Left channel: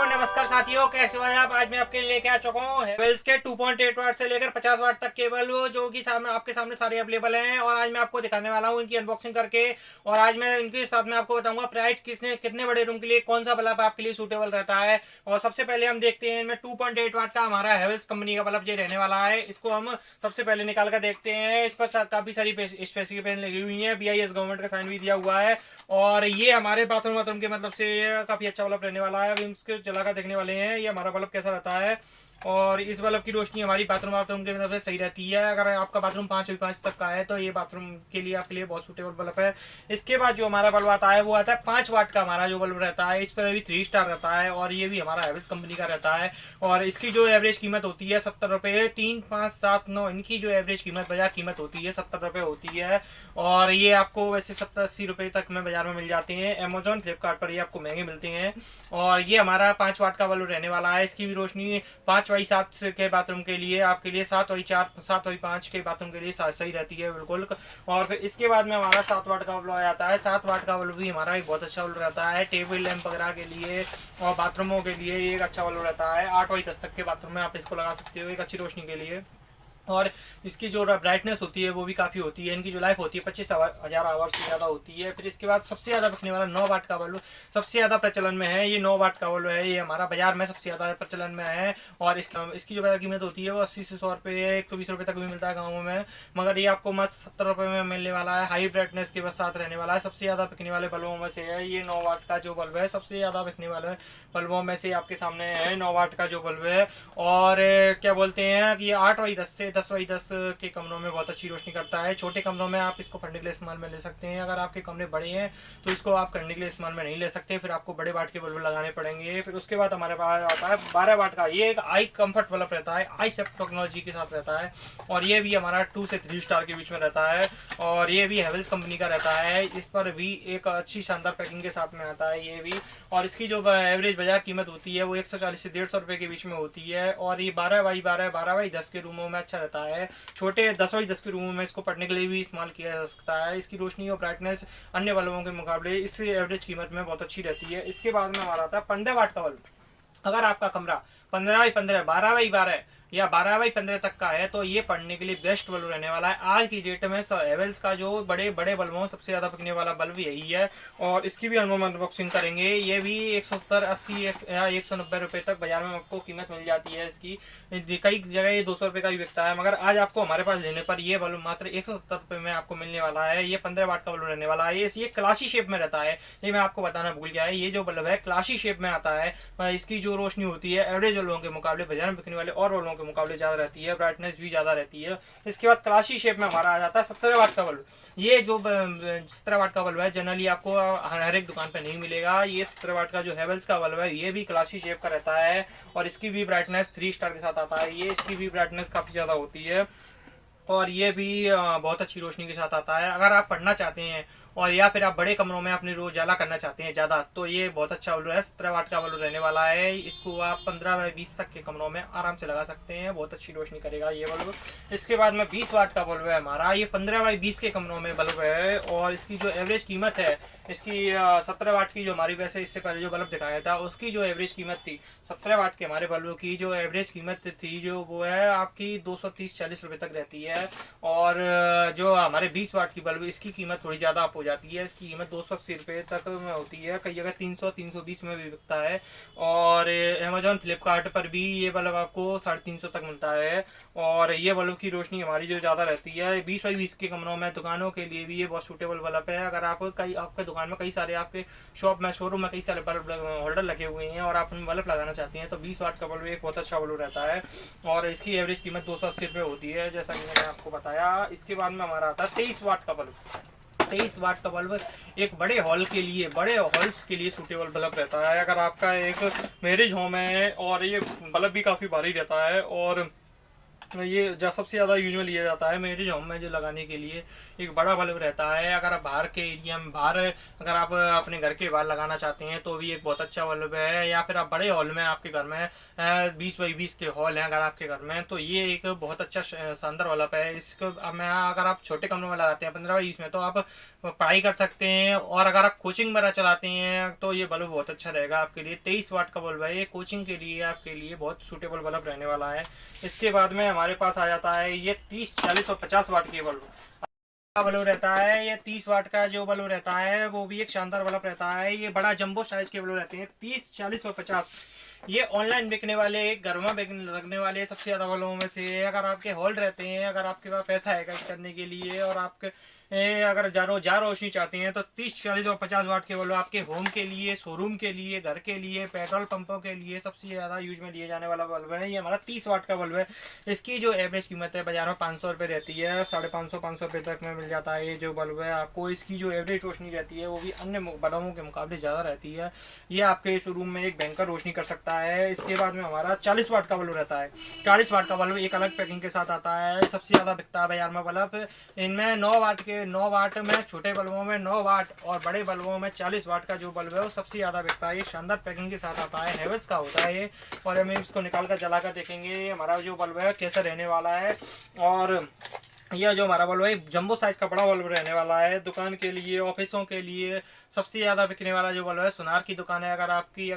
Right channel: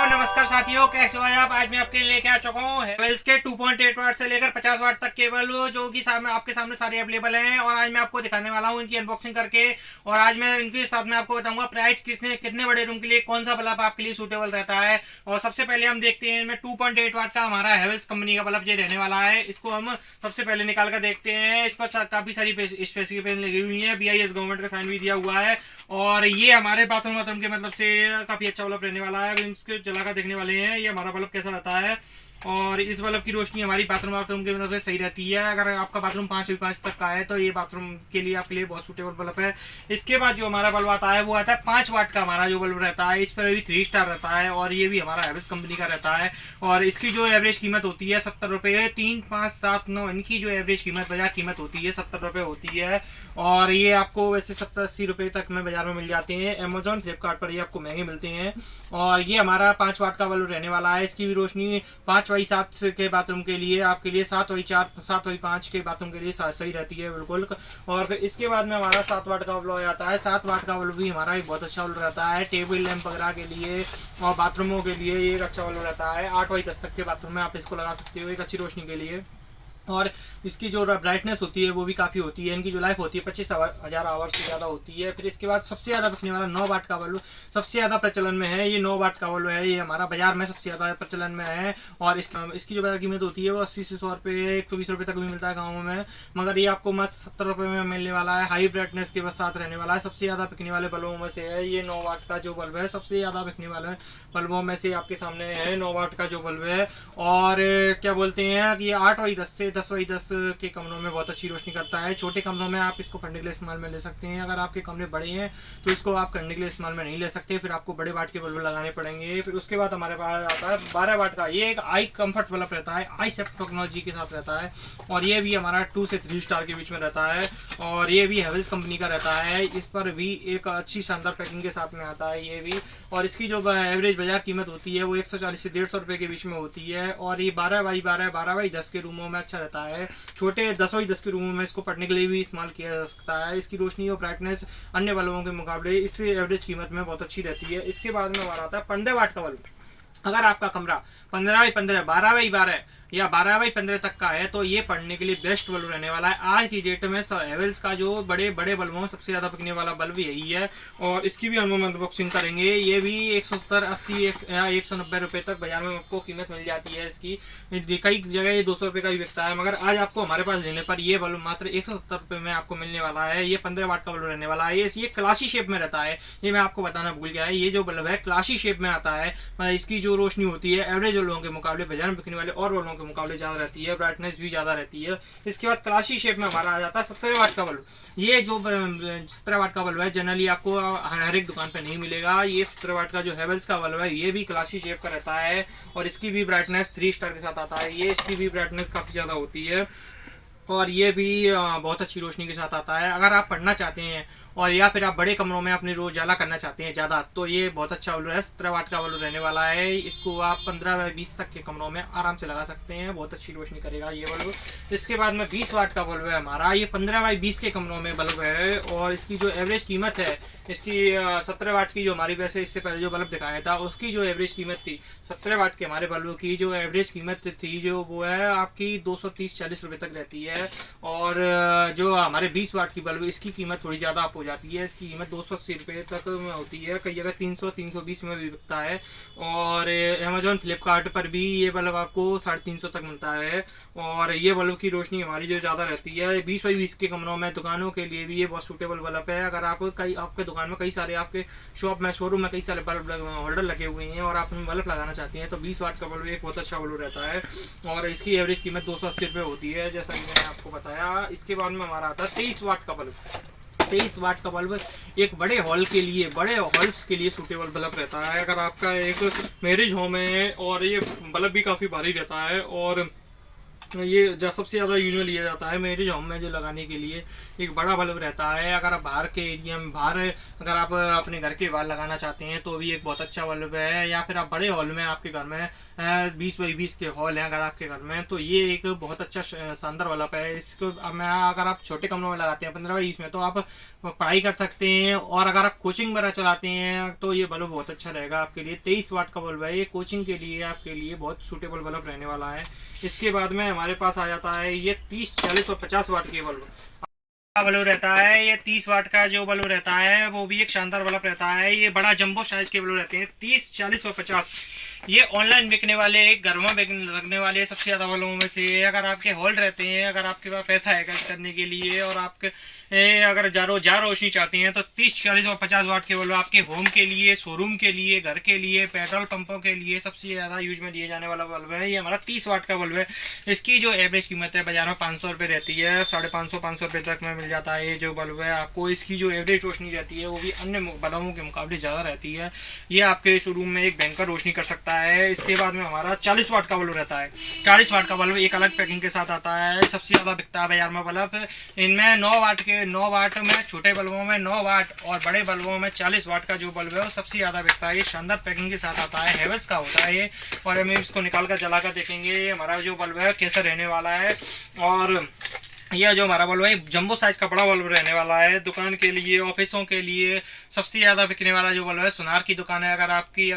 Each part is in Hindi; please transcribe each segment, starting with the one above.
नमस्कार साथियों, कैसे हो आप। आज मैं आपके लिए लेके आ चुका हूँ हेवेल्स के 2.8 वाट से लेकर 50 वाट तक केबल, जो कि आपके सामने सारे अवेलेबल हैं। और आज मैं आपको दिखाने वाला हूँ इनकी अनबॉक्सिंग करके। और आज मैं इनके साथ में आपको बताऊंगा प्राइस कितने बड़े रूम के लिए कौन सा बल्ब आपके लिए सूटेबल रहता है। और सबसे पहले हम देखते हैं इनमें 2.8 वाट का हमारा हेवेल्स कंपनी का बल्ब ये रहने वाला है। इसको हम सबसे पहले निकाल कर देखते हैं। इस पर काफी सारी स्पेसिफिकेशन लगी हुई है, BIS गवर्नमेंट का साइन भी दिया हुआ है। और ये हमारे बाथरूम के मतलब से काफी अच्छा बल्ब रहने वाला है। अब इसके जलाकर देखने वाले हैं ये हमारा बल्ब कैसा रहता है। और इस बल्ब की रोशनी हमारी बाथरूम के मतलब से सही रहती है। अगर आपका बाथरूम 5 तक का है तो ये बाथरूम के लिए आपके लिए बहुत सूटेबल बल्ब है। इसके बाद जो हमारा बल्ब आता है वो आता है 5 वाट का। हमारा जो बल्ब रहता है इस पर अभी 3 स्टार रहता है और ये भी हमारा हैवेल्स कंपनी का रहता है। और इसकी जो एवरेज कीमत होती है 70 रुपये। 3, 5, 7, 9 इनकी जो एवरेज कीमत बाजार कीमत होती है 70 रुपये होती है। और ये आपको वैसे 70-80 रुपये तक में बाजार में मिल जाते हैं। अमेजोन, फ्लिपकार्ट पर ये आपको महंगे मिलते हैं। और ये हमारा 5 वाट का बल्ब रहने वाला है। इसकी भी रोशनी 5x7 के बाथरूम के लिए आपके लिए 7x4, 7x5 के बाथरूम के लिए सही रहती है बिल्कुल। और फिर इसके बाद में हमारा 7 वाट का बल्ब आता है। 7 वाट का बल्ब भी हमारा एक बहुत अच्छा बल्ब रहता है टेबल लैंप वगैरह के लिए और बाथरूमों के लिए एक अच्छा बल्ब रहता है। 8x10 तक के बाथरूम में आप इसको लगा सकते हो एक अच्छी रोशनी के लिए। और इसकी जो ब्राइटनेस होती है वो भी काफ़ी होती है। इनकी जो लाइफ होती है 25,000 आवर्स से ज़्यादा होती है। फिर इसके बाद सबसे ज़्यादा बिकने वाला 9 वाट का बल्ब सबसे ज़्यादा प्रचलन में है। ये 9 वाट का बल्ब है, ये हमारा बाजार में सबसे ज़्यादा प्रचलन में है। और इसकी जो बाजार कीमत होती है वो 80 से 100 रुपये, 120 रुपये तक भी मिलता है गाँवों में। मगर ये आपको मस्त 70 रुपये में मिलने वाला है। हाई ब्राइटनेस के साथ रहने वाला है। सबसे ज़्यादा बिकने वाले बल्बों में से है ये 9 वाट का जो बल्ब है। सबसे ज़्यादा बिकने वाले बल्बों में से आपके सामने है 9 वाट का जो बल्ब है। और क्या बोलते हैं कि ये 8x10 से 10x10 के कमरों में बहुत अच्छी रोशनी करता है। छोटे कमरों में आप इसको करने के लिए इस्तेमाल में ले सकते हैं। अगर आपके कमरे बड़े हैं तो इसको आप करने के लिए इस्तेमाल में नहीं ले सकते, फिर आपको बड़े वाट के बल्ब लगाने पड़ेंगे। फिर उसके बाद हमारे पास आता है 12 वाट का। ये एक आई कंफर्ट बल्ब रहता है, आई सेफ्ट टेक्नोलॉजी के साथ रहता है। और ये भी हमारा 2 से 3 स्टार के बीच में रहता है। और ये भी हेवेल्स कंपनी का रहता है। इस पर भी एक अच्छी शानदार पैकिंग के साथ में आता है ये भी। और इसकी जो एवरेज बाजार कीमत होती है वो 140 से 150 रुपये के बीच में होती है। और ये 12x12, 12x10 के रूमों में अच्छा रहता है। छोटे 10x10 के रूमों में इसको पढ़ने के लिए भी इस्तेमाल किया जा सकता है। इसकी रोशनी और ब्राइटनेस अन्य बल्बों के मुकाबले इस एवरेज कीमत में बहुत अच्छी रहती है। इसके बाद में हमारा आता है 15 वाट का बल्ब। अगर आपका कमरा 15x15, 12x12 या 12x15 तक का है तो ये पढ़ने के लिए बेस्ट बल्ब रहने वाला है। आज की डेट में हेवेल्स का जो बड़े बड़े बल्बों सबसे ज़्यादा बिकने वाला बल्ब यही है। और इसकी भी हम अनबॉक्सिंग करेंगे। ये भी 170, 80 या 190 रुपये तक बाजार में आपको कीमत मिल जाती है इसकी। कई जगह ये 200 रुपये का भी बिकता है, मगर आज आपको हमारे पास लेने पर ये बल्ब मात्र 170 रुपये में आपको मिलने वाला है। ये 15 वाट का बल्ब रहने वाला है। ये क्लासी शेप में रहता है। ये मैं आपको बताना भूल गया है, ये जो बल्ब है क्लासी शेप में आता है। इसकी जो रोशनी होती है एवरेज बल्बों के मुकाबले, बाजार में बिकने वाले और बल्बों के मुकाबले ज़्यादा रहती है। ब्राइटनेस भी ज़्यादा रहती है। इसके बाद क्लासी शेप में हमारा आ जाता है 17 वाट का बल्ब। ये जो 17 वाट का बल्ब है जनरली आपको हर एक दुकान पर नहीं मिलेगा। ये 17 वाट का जो हेवेल्स का बल्ब है ये भी क्लासी शेप का रहता है। और इसकी भी ब्राइटनेस 3 स्टार के साथ आता है। ये इसकी भी ब्राइटनेस काफ़ी ज़्यादा होती है। और ये भी बहुत अच्छी रोशनी के साथ आता है। अगर आप पढ़ना चाहते हैं और या फिर आप बड़े कमरों में अपनी रोज उजाला करना चाहते हैं ज़्यादा, तो ये बहुत अच्छा बल्ब है। 17 वाट का बल्ब रहने वाला है। इसको आप 15x20 तक के कमरों में आराम से लगा सकते हैं, बहुत अच्छी रोशनी करेगा ये बल्ब। इसके बाद में 20 वाट का बल्ब है हमारा। ये 15x20 के कमरों में बल्ब है। और इसकी जो एवरेज कीमत है इसकी 17 वाट की जो हमारी, वैसे इससे पहले जो बल्ब दिखाया था उसकी जो एवरेज कीमत थी 17 वाट के हमारे बल्ब की जो एवरेज कीमत थी जो वो है आपकी 230-40 रुपये तक रहती है। और जो हमारे 20 वाट की बल्ब इसकी कीमत थोड़ी ज़्यादा अप हो जाती है। इसकी कीमत 280 रुपये तक में होती है, कई जगह 300-320 में भी बिकता है। और अमेजोन, फ्लिपकार्ट पर भी ये बल्ब आपको 350 तक मिलता है। और ये बल्ब की रोशनी हमारी जो ज़्यादा रहती है 20x20 के कमरों में, दुकानों के लिए भी ये बहुत सूटेबल बल्ब है। अगर आप आपके दुकान में कई सारे, आपके शॉप में, शोरूम में कई सारे बल्ब होल्डर लगे हुए हैं और आप बल्ब लगाना चाहते हैं तो 20 वाट का बल्ब एक बहुत अच्छा बल्ब रहता है। और इसकी एवरेज कीमत 280 रुपये होती है, जैसा कि मैंने आपको बताया। इसके बाद में हमारा आता है 23 वाट का बल्ब। 23 वाट का बल्ब एक बड़े हॉल के लिए, बड़े हॉल्स के लिए सूटेबल बल्ब रहता है। अगर आपका एक मैरिज होम है और ये बल्ब भी काफ़ी भारी रहता है और ये सबसे ज़्यादा यूज में लिया जाता है मेरे होम में जो लगाने के लिए। एक बड़ा बल्ब रहता है, अगर आप बाहर के एरिया में बाहर अगर आप अपने घर के बाहर लगाना चाहते हैं तो भी एक बहुत अच्छा बल्ब है, या फिर आप बड़े हॉल में आपके घर में 20 बाई 20 के हॉल हैं अगर आपके घर में, तो ये एक बहुत अच्छा शानदार बल्ब है। इसको मैं अगर आप छोटे कमरों में लगाते हैं 15 बाई 20 में, तो आप पढ़ाई कर सकते हैं, और अगर आप कोचिंग वगैरह चलाते हैं तो ये बल्ब बहुत अच्छा रहेगा आपके लिए। 23 वाट का बल्ब है ये, कोचिंग के लिए आपके लिए बहुत सूटेबल बल्ब रहने वाला है। इसके बाद में हमारे पास आ जाता है ये 30, 40 और 50 वाट के बल्ब का बल्ब रहता है। ये 30 वाट का जो बल्ब रहता है वो भी एक शानदार बल्ब रहता है। ये बड़ा जंबो साइज के बल्ब रहते हैं, 30, 40 और 50। ये ऑनलाइन बिकने वाले, घर में लगने वाले सबसे ज़्यादा बल्बों में से। अगर आपके हॉल रहते हैं, अगर आपके पास पैसा है खर्च करने के लिए, और आपके अगर जा रोशनी चाहते हैं, तो 30, 40 और 50 वाट के बल्ब आपके होम के लिए, शोरूम के लिए, घर के लिए, पेट्रोल पंपों के लिए सबसे ज़्यादा यूज में लिए जाने वाला बल्ब है। ये हमारा 30 वाट का बल्ब है। इसकी जो एवरेज कीमत है बाजार में 500 रुपये रहती है, 550 रुपये तक में मिल जाता है ये जो बल्ब है आपको। इसकी जो एवरेज रोशनी रहती है वो भी अन्य बल्बों के मुकाबले ज़्यादा रहती है। ये आपके शोरूम में एक भयंकर रोशनी कर सकता है। इसके बाद में हमारा 40 वाट का बल्ब रहता है। 40 वाट का बल्ब एक अलग पैकिंग के साथ आता है, सबसे ज़्यादा बिकता है बाजार में बल्ब। इनमें 9 वाट में, छोटे बल्बों में 9 वाट और बड़े बल्बों में 40 वाट का जो बल्ब है वो सबसे ज़्यादा बिकता है। ये शानदार पैकिंग के साथ आता है, हेवल्स का होता है ये। और हम इसको निकाल कर जला कर देखेंगे हमारा जो बल्ब है कैसा रहने वाला है। और यह जो हमारा बल्ब है जंबो साइज का बड़ा बल्ब रहने वाला है, दुकान के लिए, ऑफिसों के लिए सबसे ज़्यादा बिकने वाला जो बल्ब है। सुनार की दुकान है अगर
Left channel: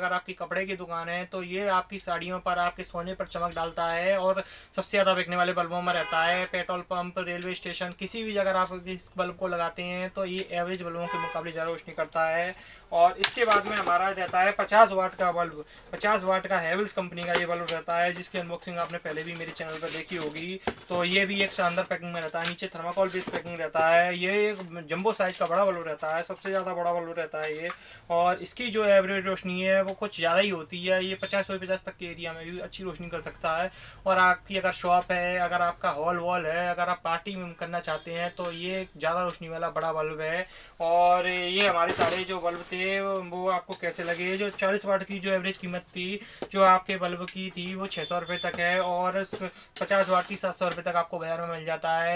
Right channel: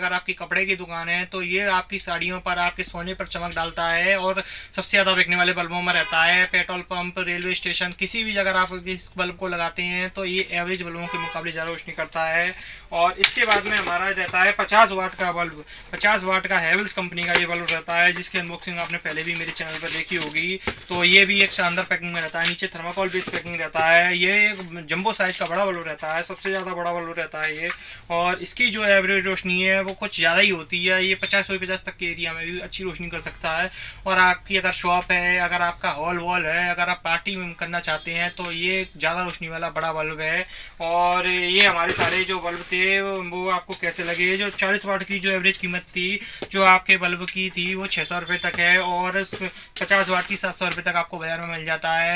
आपकी कपड़े की दुकान है, तो ये आपकी साड़ियों पर, आपके सोने पर चमक डालता है, और सबसे ज़्यादा बिकने वाले बल्बों में रहता है। पेट्रोल पंप, रेलवे स्टेशन, किसी भी जगह आप इस बल्ब को लगाते हैं तो ये एवरेज बल्बों के मुकाबले ज़्यादा रोशनी करता है। और इसके बाद में हमारा रहता है 50 वाट का बल्ब। 50 वाट का हेवल्स कंपनी का ये बल्ब रहता है, जिसकी अनबॉक्सिंग आपने पहले भी मेरे चैनल पर देखी होगी। तो ये भी एक शानदार पैकिंग में रहता है, नीचे थर्माकोल बेस्ड पैकिंग रहता है। ये एक जंबो साइज का बड़ा बल्ब रहता है, सबसे ज़्यादा बड़ा बल्ब रहता है ये। और इसकी जो एवरेज रोशनी है वो कुछ ज़्यादा ही होती है। ये 50 तक के एरिया में भी अच्छी रोशनी कर सकता है। और आपकी अगर शॉप है, अगर आपका हॉल वॉल है, अगर आप पार्टी में करना चाहते हैं, तो ये ज़्यादा रोशनी वाला बड़ा बल्ब है। और ये हमारे सारे जो बल्ब थे वो आपको कैसे लगे। जो 40 वाट की जो एवरेज कीमत थी जो आपके बल्ब की थी वो 600 रुपये तक है, और 50 वाट की 700 रुपये तक आपको बाजार में मिल जाता है।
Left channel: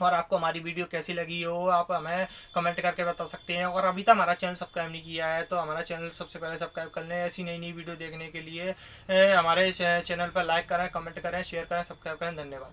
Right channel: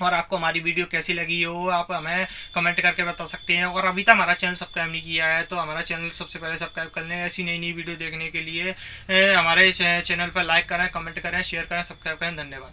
और आपको हमारी वीडियो कैसी लगी हो आप हमें कमेंट करके बता सकते हैं। और अभी तक हमारा चैनल सब्सक्राइब नहीं किया है तो हमारा चैनल सबसे पहले सब्सक्राइब कर लें। ऐसी नई नई वीडियो देखने के लिए हमारे चैनल पर लाइक करें, कमेंट करें, शेयर करें, सब्सक्राइब करें। धन्यवाद।